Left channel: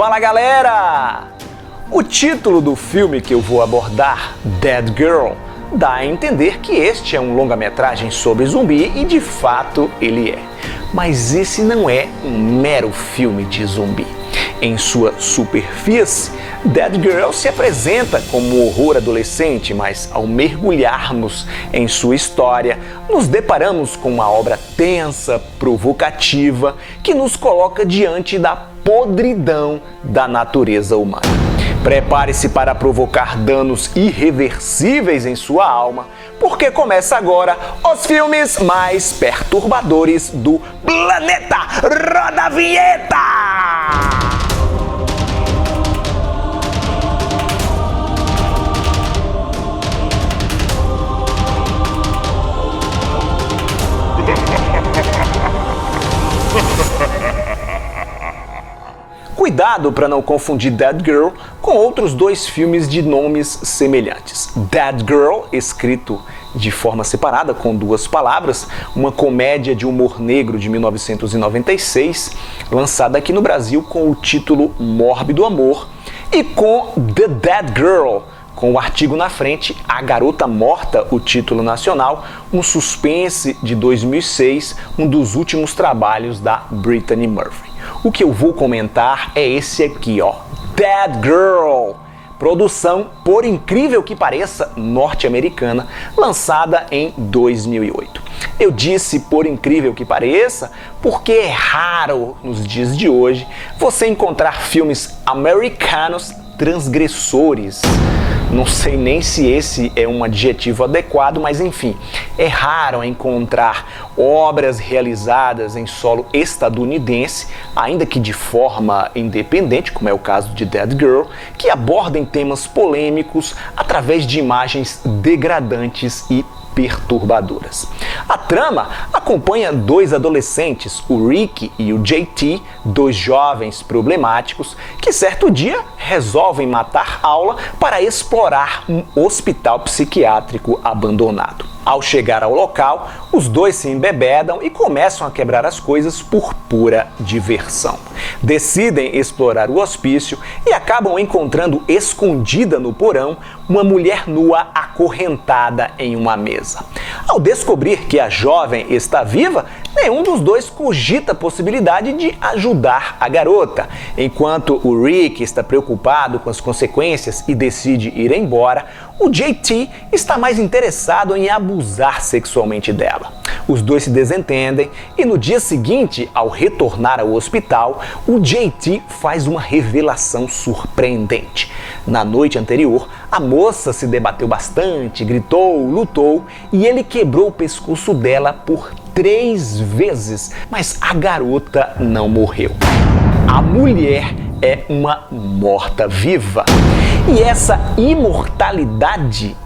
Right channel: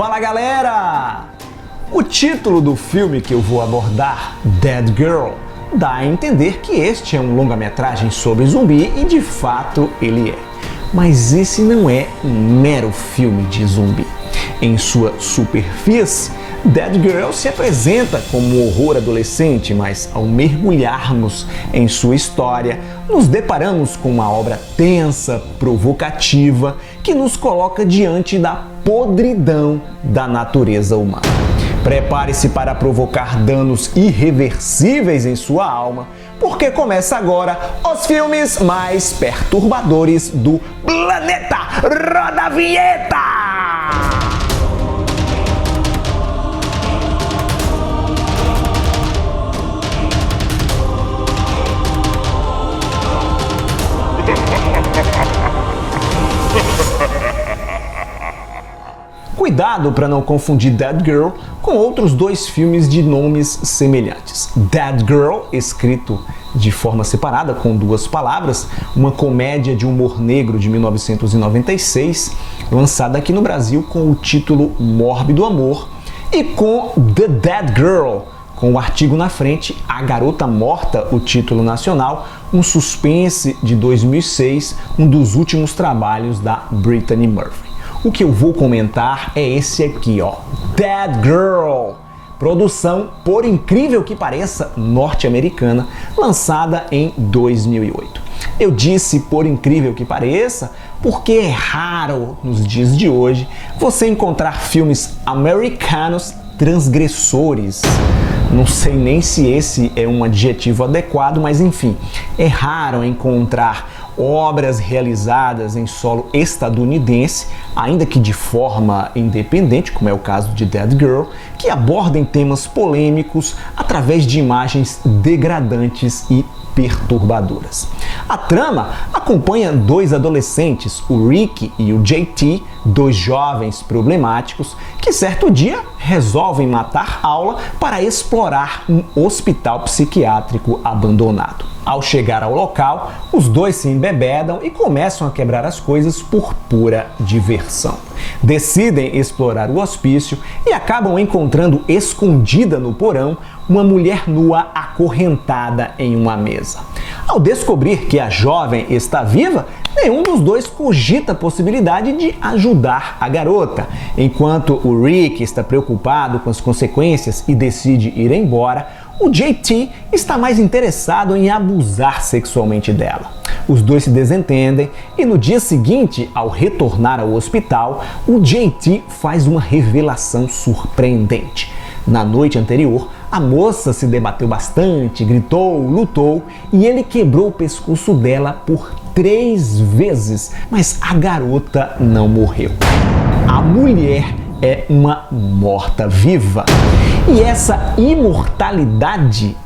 Fala galera! O título do filme que eu vou abordar, Dead Girl, dá a entender que este é um longa-metragem sobre zumbi e de fato ele é. Mas esse não é um mero filme de zumbi. Em sua superfície, Dead Girl se apresenta como um horror adolescente, mas ao mergulharmos em sua história, nos deparamos com uma obra tensa, provocativa, que nos coloca diante da podridão da natureza humana. Prepare-se para provocar danos irreversíveis em sua alma, porque começa agora os filmes mais perturbadores do planeta. Roda a vinheta! Cuidado para não confundir Dead Girl com outros dois filmes de nomes semelhantes. Dead Girl, escrito de forma separada com duas palavras, uma comédia de humor negro de 1996, lançada aqui no Brasil com o título Mórbido Amor, e com The Dead Girl, com o artigo na frente, A Garota Morta, o título nacional, um suspense de 2006, um dos últimos trabalhos da Brittany Murphy. O que eu vou comentar é esse aqui, ó, Dead Girl, produção, por incrível que pareça, norte-americana, lançada em 2008. Eu disse por incrível que pareça, porque é raro nos dias de hoje você encontrar filmes americanos transgressores. Não sei nem se esse é um adjetivo adequado, mas enfim, é raro encontrar obras realizadas em solo estadunidense, ainda que de forma independente, como é o caso de Dead Girl, que abordem temas polêmicos através de imagens degradantes e perturbadoras. A trama acompanha dois adolescentes, o Rick e o JT, dois jovens problemáticos, que certo dia resolvem matar aula para explorar um hospital psiquiátrico abandonado. Ao chegar ao local, os dois se embebedam e começam a quebrar as coisas por pura diversão. Decidem explorar o hospício e acabam encontrando escondida no porão uma mulher nua acorrentada em uma mesa. Ao descobrir que a jovem está viva, nenhum dos dois cogita a possibilidade de ajudar a garota. Enquanto o Rick está preocupado com as consequências e decide ir embora, o JT está mais interessado em abusar sexualmente dela. Os dois se desentendem e no dia seguinte, ao retornar ao hospital, o JT faz uma revelação surpreendente. Na noite anterior, a moça se debateu bastante, gritou, lutou e ele quebrou o pescoço dela por 3 vezes, mas a garota não morreu. A mulher é uma morta-viva. E essa imortalidade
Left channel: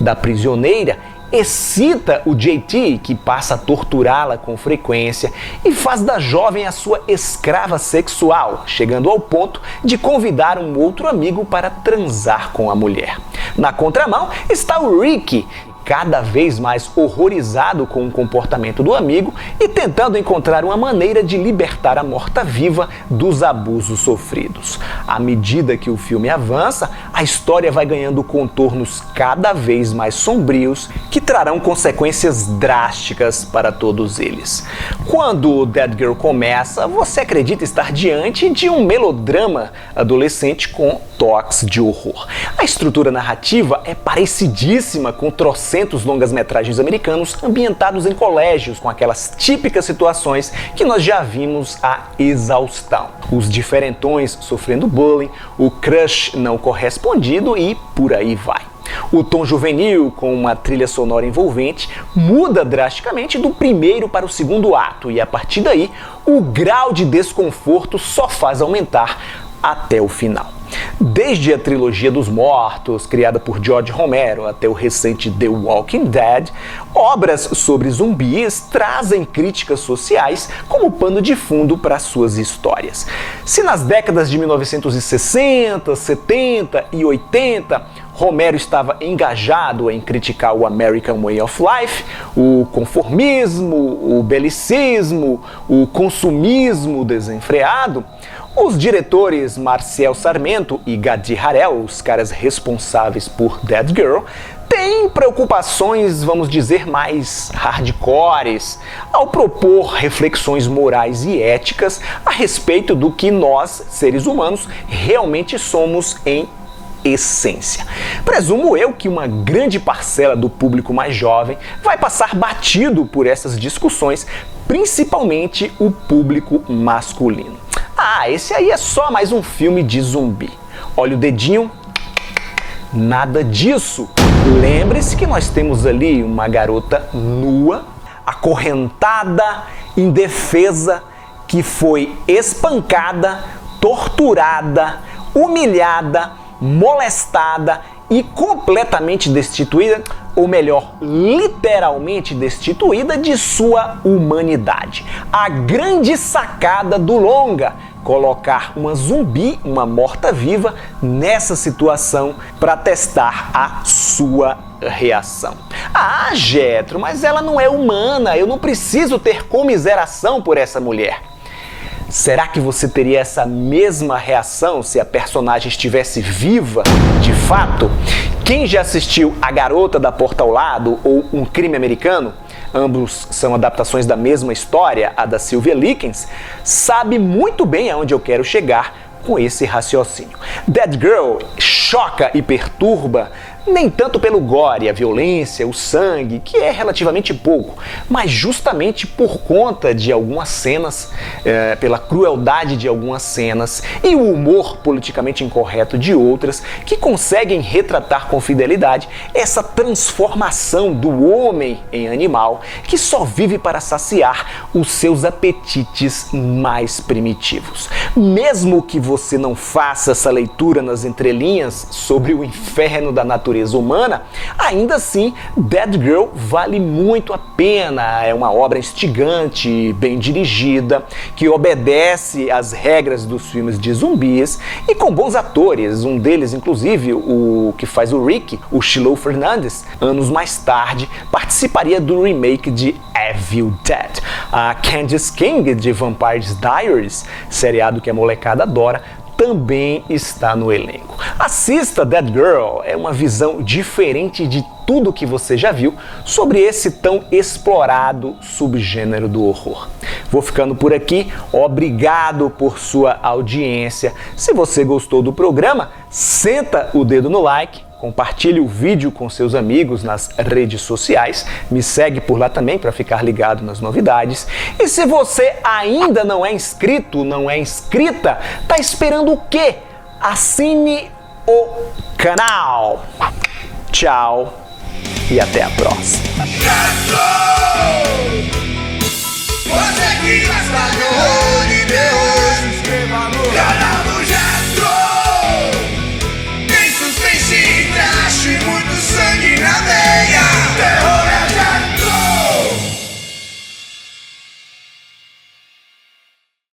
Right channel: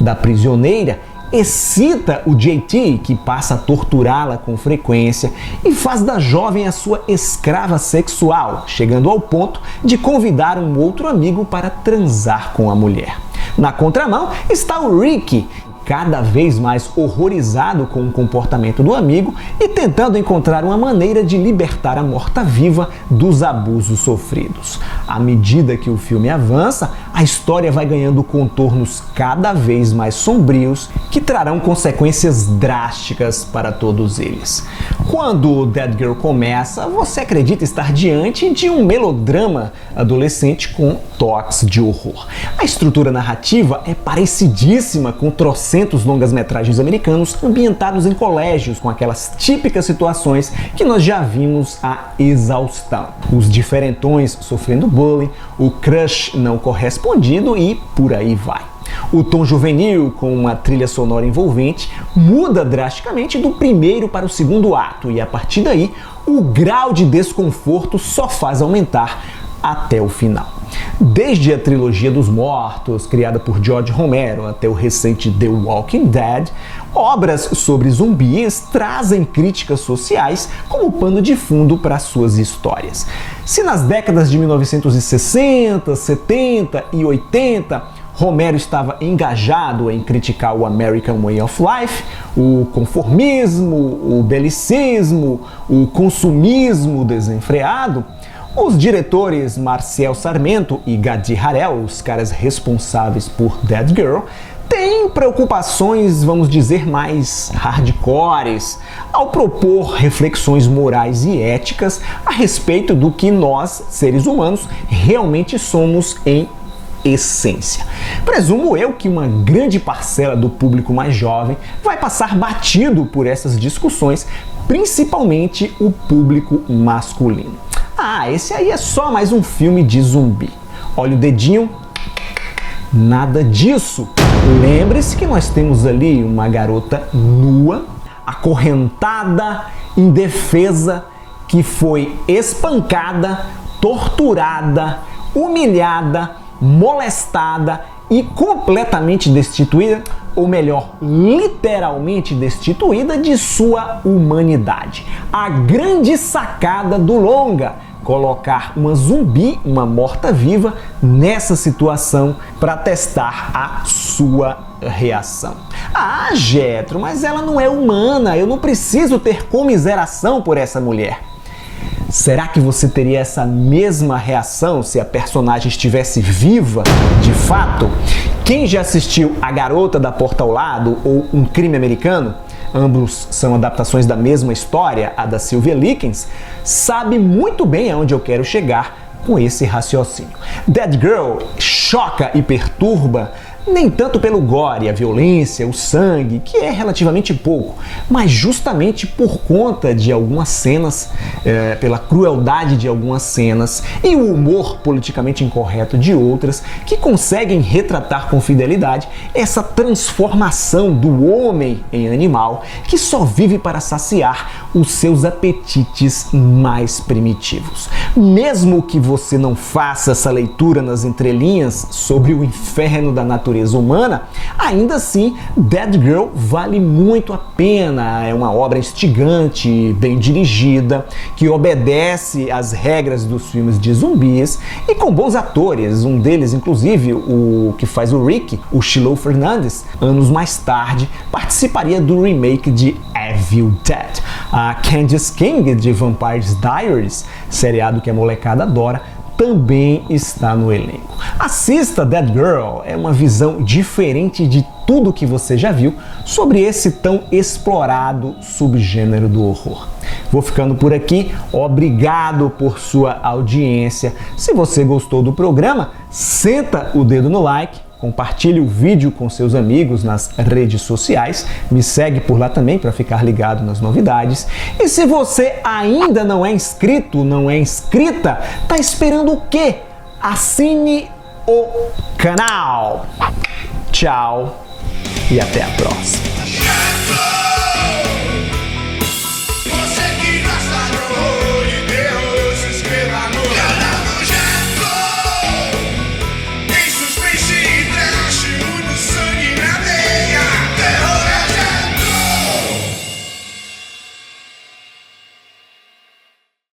da prisioneira excita o JT, que passa a torturá-la com frequência e faz da jovem a sua escrava sexual, chegando ao ponto de convidar um outro amigo para transar com a mulher. Na contramão está o Rick, cada vez mais horrorizado com o comportamento do amigo e tentando encontrar uma maneira de libertar a morta-viva dos abusos sofridos. À medida que o filme avança, a história vai ganhando contornos cada vez mais sombrios que trarão consequências drásticas para todos eles. Quando Dead Girl começa, você acredita estar diante de um melodrama adolescente com toques de horror. A estrutura narrativa é parecidíssima com trocentos longas-metragens americanos ambientados em colégios, com aquelas típicas situações que nós já vimos à exaustão. Os diferentões sofrendo bullying, o crush não correspondido e por aí vai. O tom juvenil, com uma trilha sonora envolvente, muda drasticamente do primeiro para o segundo ato e a partir daí o grau de desconforto só faz aumentar até o final. Desde a trilogia dos mortos, criada por George Romero, até o recente The Walking Dead, obras sobre zumbis trazem críticas sociais como pano de fundo para suas histórias. Se nas décadas de 1960, 70 e 80 Romero estava engajado em criticar o American Way of Life, o conformismo, o belicismo, o consumismo desenfreado. Os diretores Marcel Sarmento e Gadi Harel, os caras responsáveis por Dead Girl, têm preocupações, vamos dizer, mais hardcores, ao propor reflexões morais e éticas a respeito do que nós, seres humanos, realmente somos em essência. Presumo eu que uma grande parcela do público mais jovem vai passar batido por essas discussões, principalmente o público masculino. Ah, esse aí é só mais um filme de zumbi. Olha o dedinho, nada disso. Lembre-se que nós temos ali uma garota nua, acorrentada, indefesa, que foi espancada, torturada, humilhada, molestada e completamente destituída, ou melhor, literalmente destituída de sua humanidade. A grande sacada do longa: colocar uma zumbi, uma morta-viva, nessa situação para testar a sua reação. Ah, Jetro, mas ela não é humana, eu não preciso ter comiseração por essa mulher. Será que você teria essa mesma reação se a personagem estivesse viva de fato? Quem já assistiu A Garota da Porta ao Lado ou Um Crime Americano, ambos são adaptações da mesma história, a da Sylvia Likens, sabe muito bem aonde eu quero chegar com esse raciocínio. Dead Girl choca e perturba nem tanto pelo gore, a violência, o sangue, que é relativamente pouco, mas justamente por conta de algumas cenas, pela crueldade de algumas cenas e o humor politicamente incorreto de outras, que conseguem retratar com fidelidade essa transformação do homem em animal que só vive para saciar os seus apetites mais primitivos. Mesmo que você não faça essa leitura nas entrelinhas sobre o inferno da natureza humana, ainda assim Dead Girl vale muito a pena. É uma obra instigante, bem dirigida, que obedece às regras dos filmes de zumbis e com bons atores. Um deles, inclusive, o que faz o Rick, o Shiloh Fernandes, anos mais tarde participaria do remake de Evil Dead. A Candice King, de Vampire Diaries, seriado que a molecada adora, também está no elenco. Assista Dead Girl, é uma visão diferente de tudo que você já viu sobre esse tão explorado subgênero do horror. Vou ficando por aqui, obrigado por sua audiência. Se você gostou do programa, senta o dedo no like, compartilhe o vídeo com seus amigos nas redes sociais, me segue por lá também para ficar ligado nas novidades. E se você ainda não é inscrito, não é inscrita, tá esperando o quê? Assine o canal. Tchau e até a próxima.